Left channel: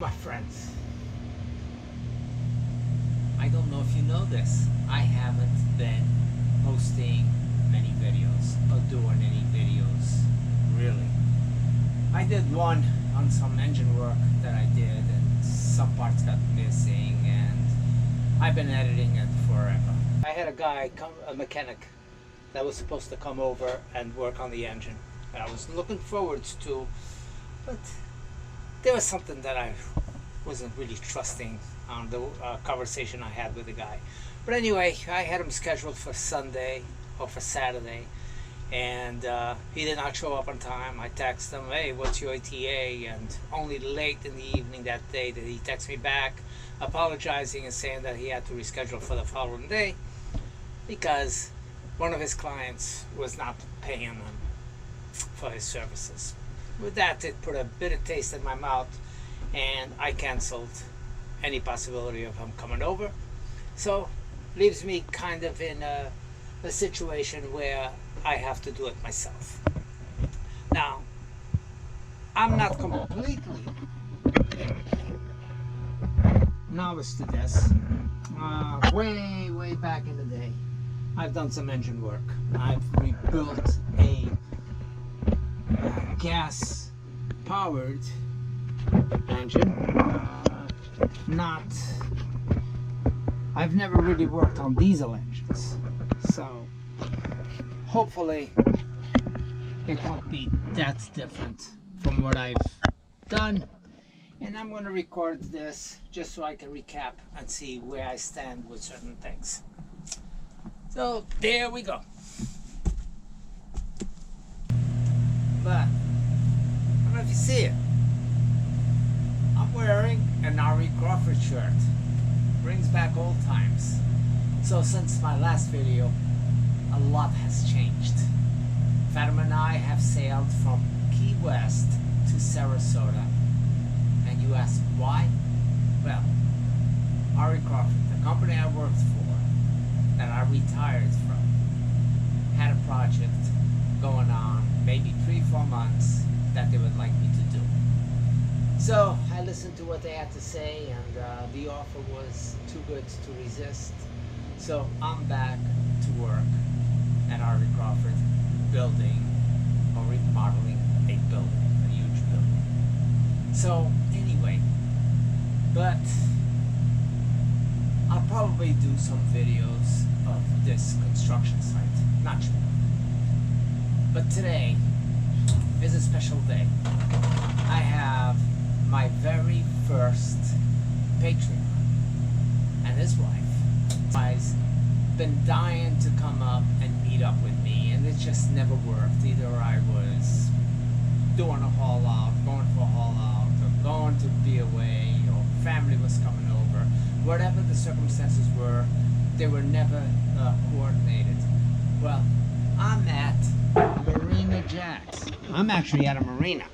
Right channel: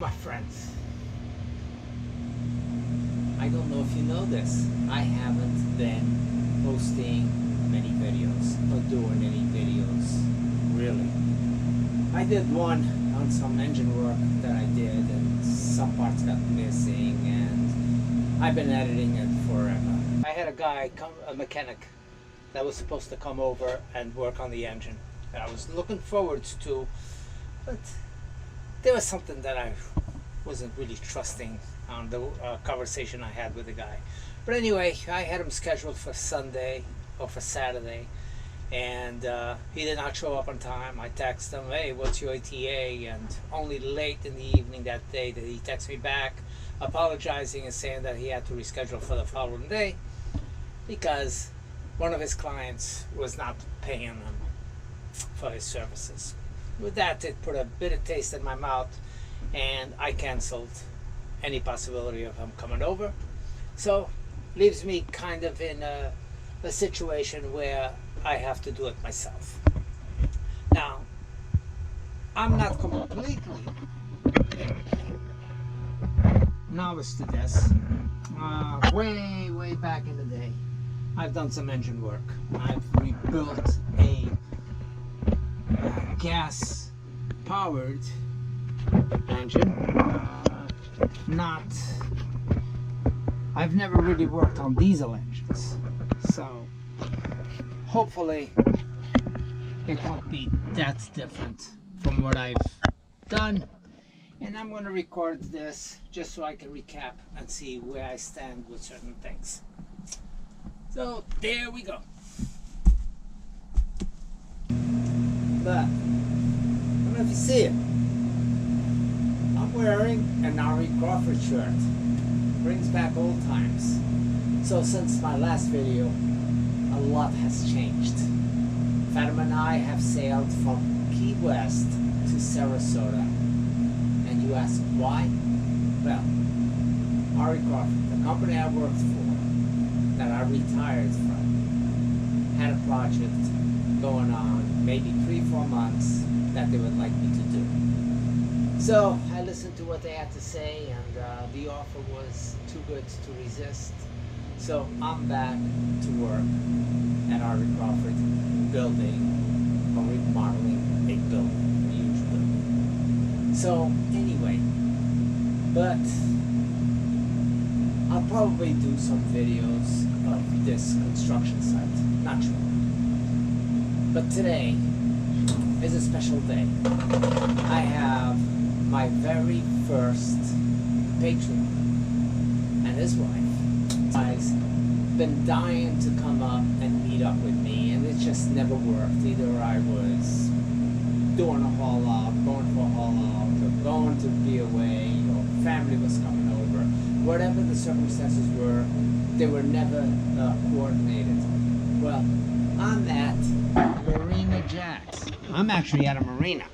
My friends, I don't know if you know this, I haven't been posting many videos or doing any videos, really. I did one on some engine work that I did and some parts got missing and I've been editing it forever. I had a guy, a mechanic, that was supposed to come over and work on the engine that I was looking forward to, but there was something that I wasn't really trusting on the conversation I had with the guy. But anyway, I had him scheduled for Sunday or for Saturday, and he did not show up on time. I texted him, hey, what's your ETA? And only late in the evening that day did he text me back apologizing and saying that he had to reschedule for the following day because one of his clients was not paying him for his services. With that, it put a bitter taste in my mouth, and I canceled any possibility of him coming over. So leaves me kind of in a situation where I have to do it myself. Now, I'm not completely novice to this. Way back in the day, I've done some engine work. I've rebuilt a gas-powered engine. I've never really worked on diesel engines, so hopefully it won't be that different from what I've done. And I'm going to record this just so I can recap and see where I stand with certain things. So there we go. But I don't know if you see it. I'm wearing an Ari Crawford shirt. Brings back old times. So since my last video, a lot has changed. Fatima and I have sailed from Key West to Sarasota. And you ask why? Well, Ari Crawford, the company I worked for, that I retired from, had a project going on, maybe 3-4 months, that they would like me to do. So I listened to what they had to say, and the offer was too good to resist. So I'm back to work at Ari Crawford, building or remodeling a building, a huge building. So anyway, but I'll probably do some videos of this construction site, not sure. But today is a special day. I have my very first Patreon and his wife has been dying to come up and meet up with me, and it just never worked. Either I was doing a haul out, going for a haul out, or going to be away, or family was coming over. Whatever the circumstances were, they were never coordinated. Well, I'm at Marina Jacks. I'm actually at a marina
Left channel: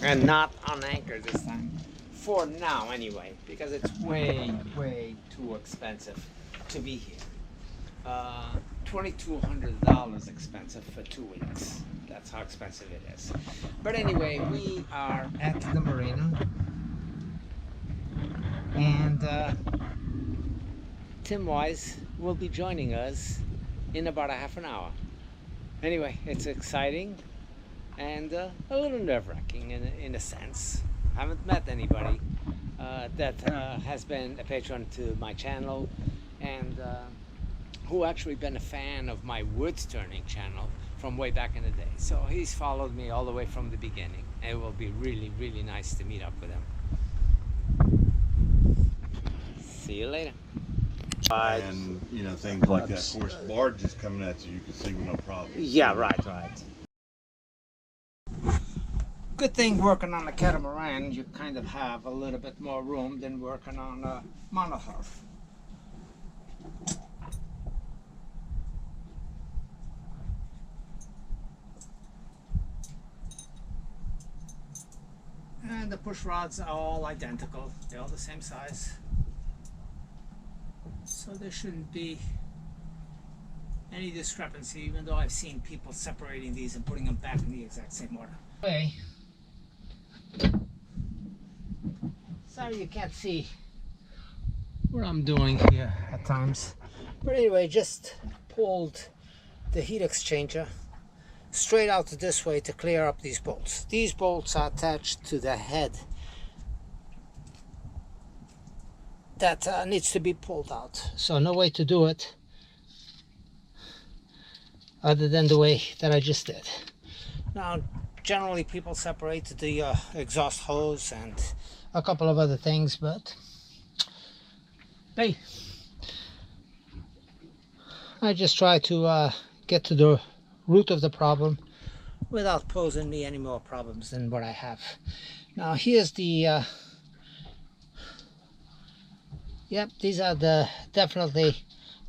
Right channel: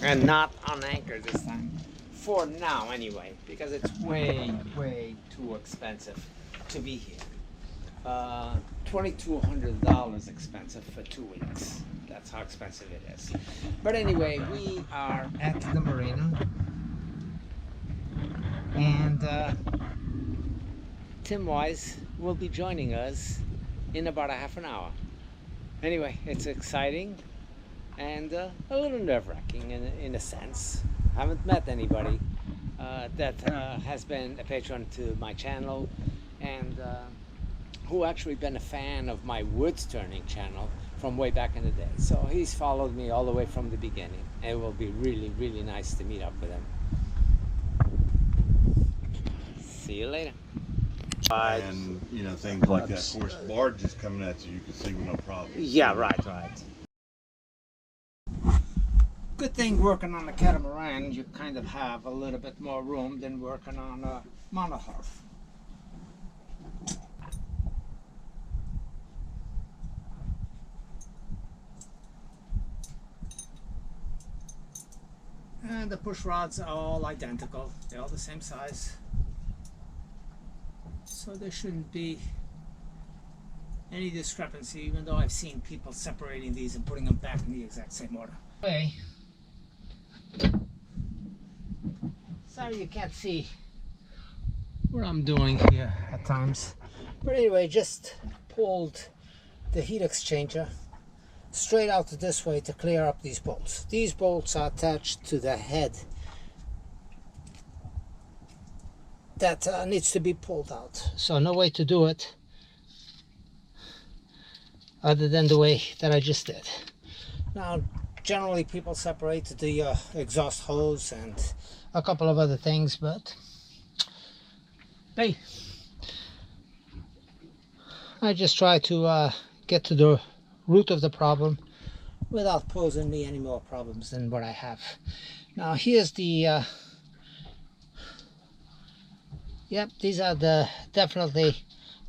and not on anchor this time, for now anyway, because it's way too expensive to be here. $2,200 expensive for 2 weeks. That's how expensive it is. But anyway, we are at the marina, and Tim Wise will be joining us in about a half an hour. Anyway, it's exciting and a little nerve-wracking in a sense. I haven't met anybody that has been a patron to my channel and who actually been a fan of my woods turning channel from way back in the day. So he's followed me all the way from the beginning. And it will be really nice to meet up with him. See you later. And you know, things like that. Of course, barges coming at you can see with no problem. Yeah, right. Good thing working on a catamaran, you kind of have a little bit more room than working on a monohull. And the push rods are all identical. They're all the same size. So there shouldn't be any discrepancy, even though I've seen people separating these and putting them back in the exact same order. Okay. Sorry you can't see what I'm doing here at times. But anyway, just pulled the heat exchanger straight out this way to clear up these bolts. These bolts are attached to the head that needs to be pulled out. So no way to do it other than the way that I just did. Now, generally people separate the exhaust hose and a couple of other things, but hey, I just try to get to the root of the problem without posing me any more problems than what I have. Now here's the yep, these are definitely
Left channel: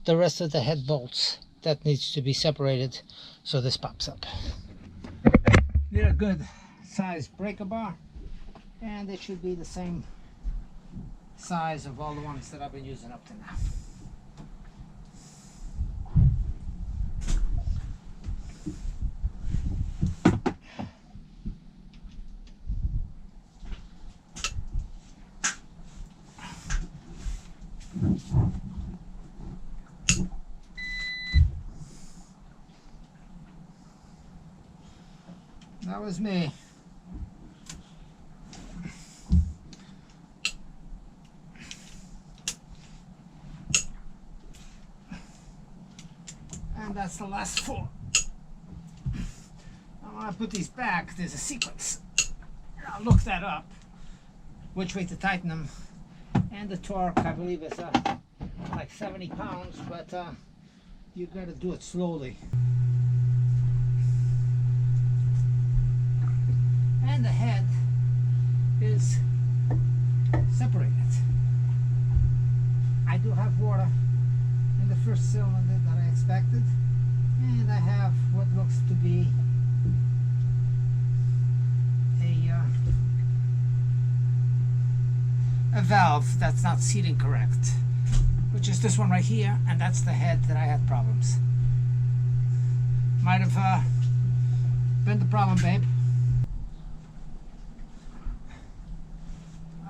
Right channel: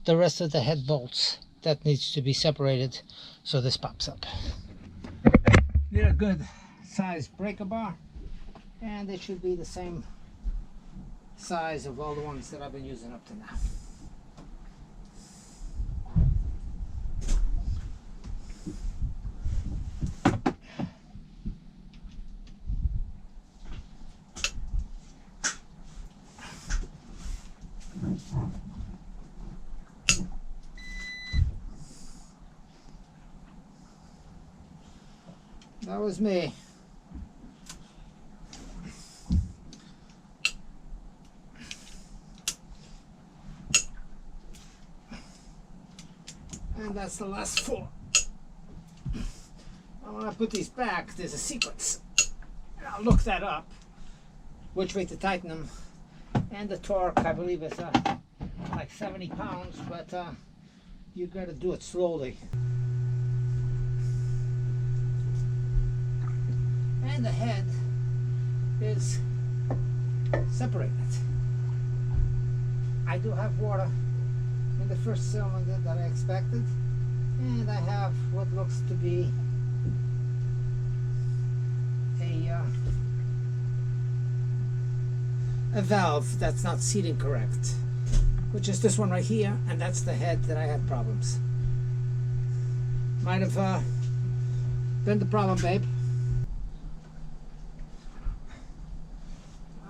the rest of the head bolts that needs to be separated, so this pops up. Need a good size breaker bar, and it should be the same size of all the ones that I've been using up to now. That was me. And that's the last 4. Now when I put these back, there's a sequence. I'll look that up, which way to tighten them. And the torque, I believe, is like 70 pounds, but you gotta do it slowly. And the head is separated. I do have water in the first cylinder that I expected, and I have what looks to be a valve that's not seating correct, which is this one right here, and that's the head that I had problems. Might have been the problem, babe.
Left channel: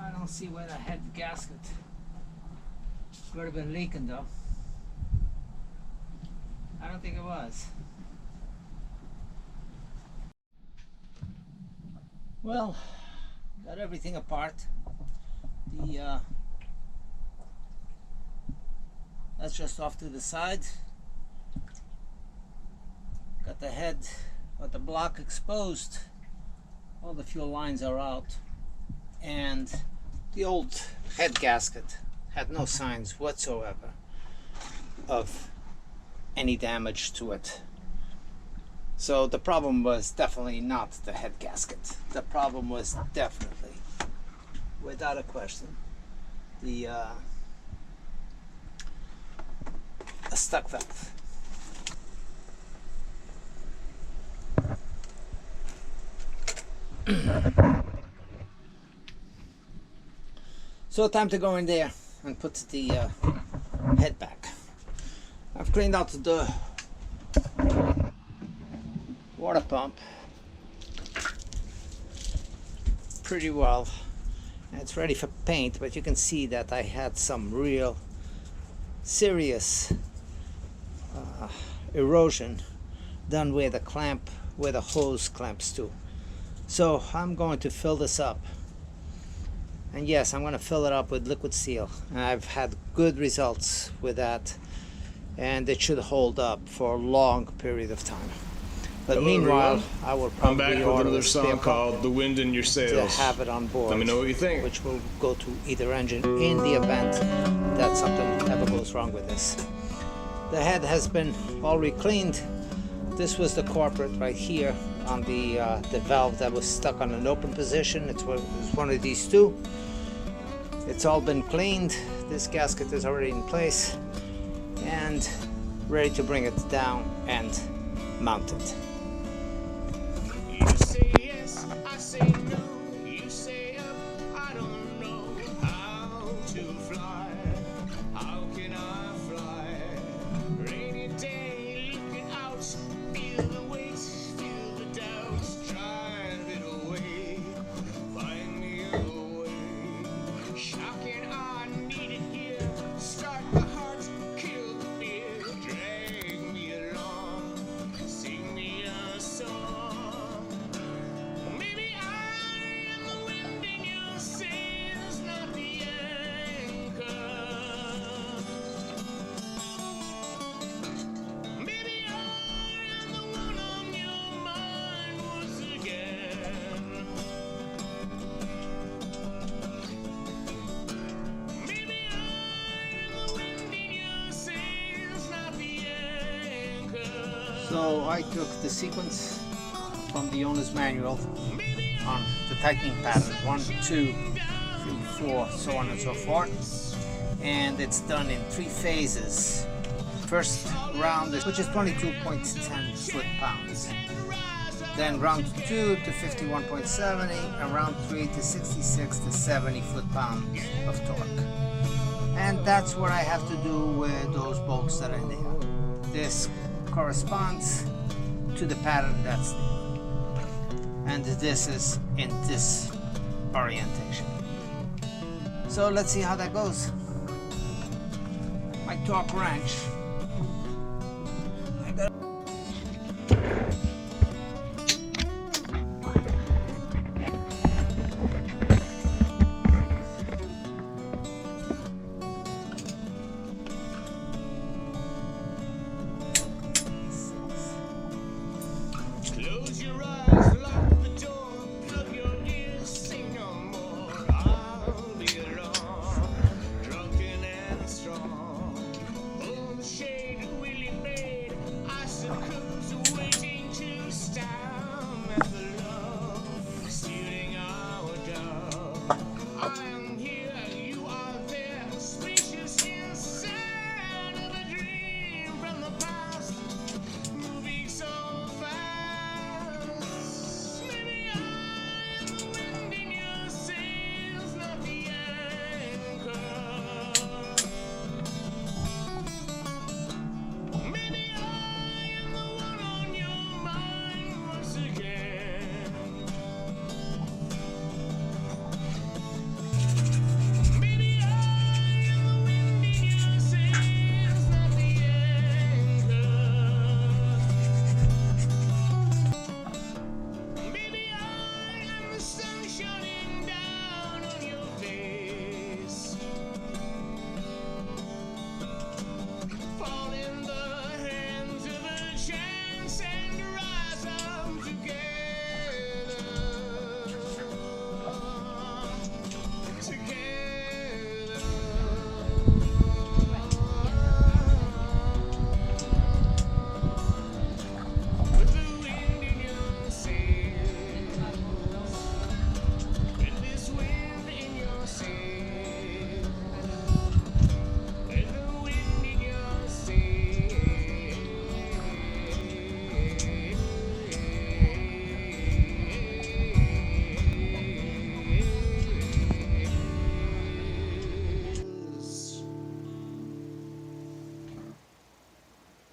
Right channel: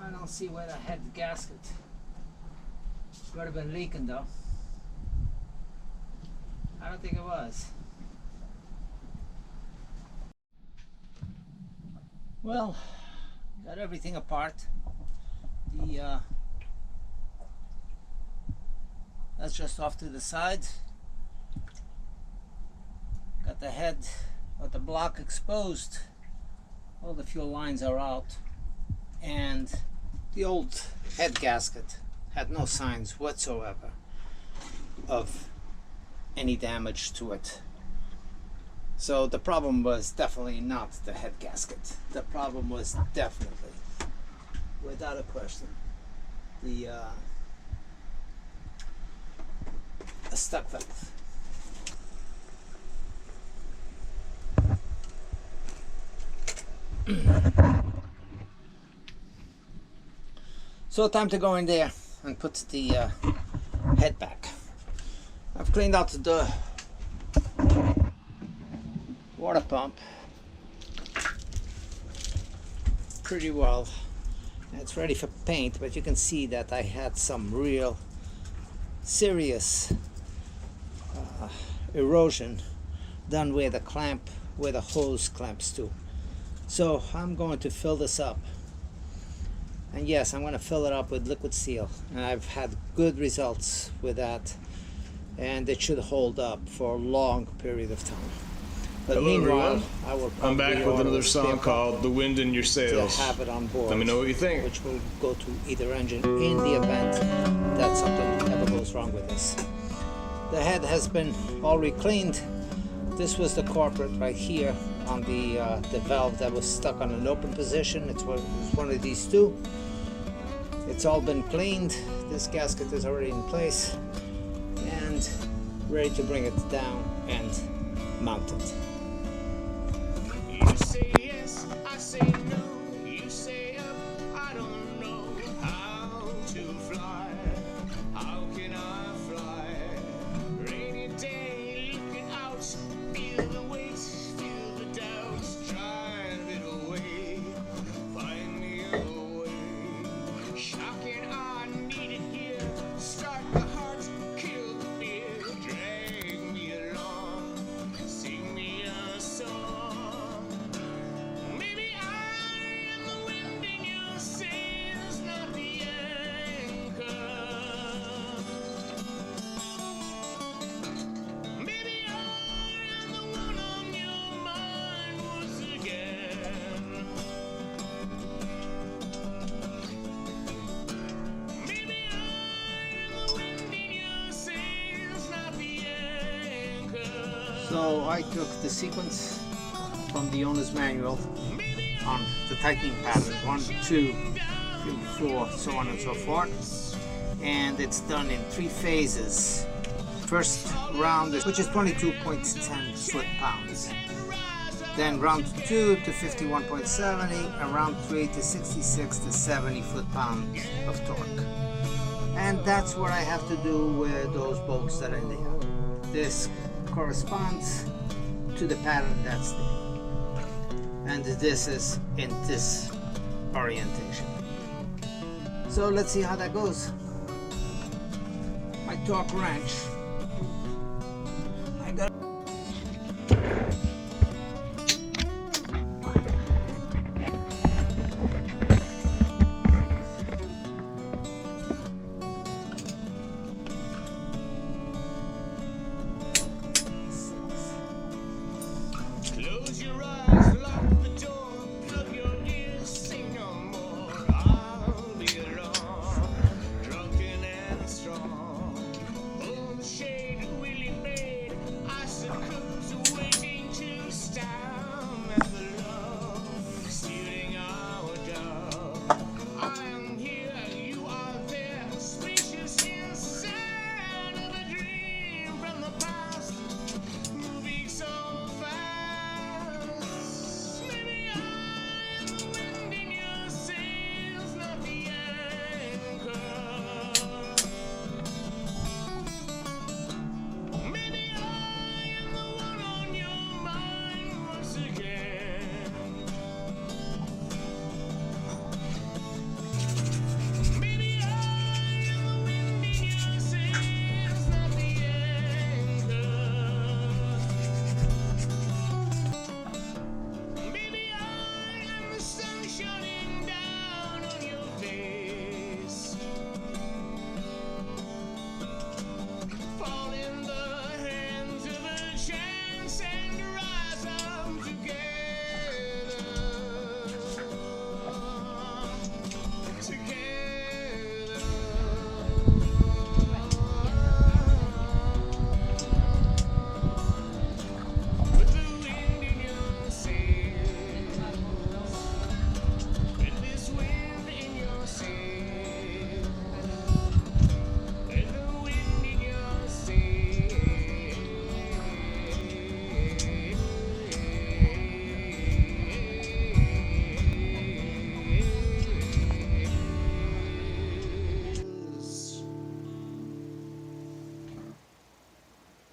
I don't see where the head gasket would have been leaking though. I don't think it was. Well, got everything apart. That's just off to the side. Got the head or the block exposed. All the fuel lines are out, and the old head gasket had no signs whatsoever of any damage to it. So the problem was definitely not the head gasket. The problem was definitely, without a question, a stuck valve. So time to go in there and put the head back. I've cleaned out the water pump pretty well. It's ready for paint, but you can see that I had some real serious erosion done where the hose clamps to. So I'm going to fill this up, and yes, I'm going to fill it up with liquid seal, and I've had good results with that, and it should hold up for a long period of time. But hello, meanwhile, everyone. I will probably I'm back with another song called "The Wind in Your Sails." to have it on board. Let me know what you think. Which will go to either engine in the event that something ever goes wrong with this. The head has been all re-cleaned. This was the culprit right here on the valve that was stuck on an open position. It was one of these two. It's all been cleaned. This gasket is already in place and ready to bring it down and mount it. You say yes, I say no. You say up, I don't know how to fly. How can I fly? Rainy day, looking out, feel the weight, feel the doubts, drive it away. Find me a way. So I took the sequence from the owner's manual on the tightening pattern, 1, 2, 3, 4, so on and so forth, and it's done in 3 phases. First round, which is 22.10 foot-pounds. Then round 2 to 51.70, and round 3 to 66 to 70 foot-pounds of torque. And that's what I have to do with those bolts that are there. This corresponds to the pattern that's there. And this is in this orientation. So let's see how that goes. My torque wrench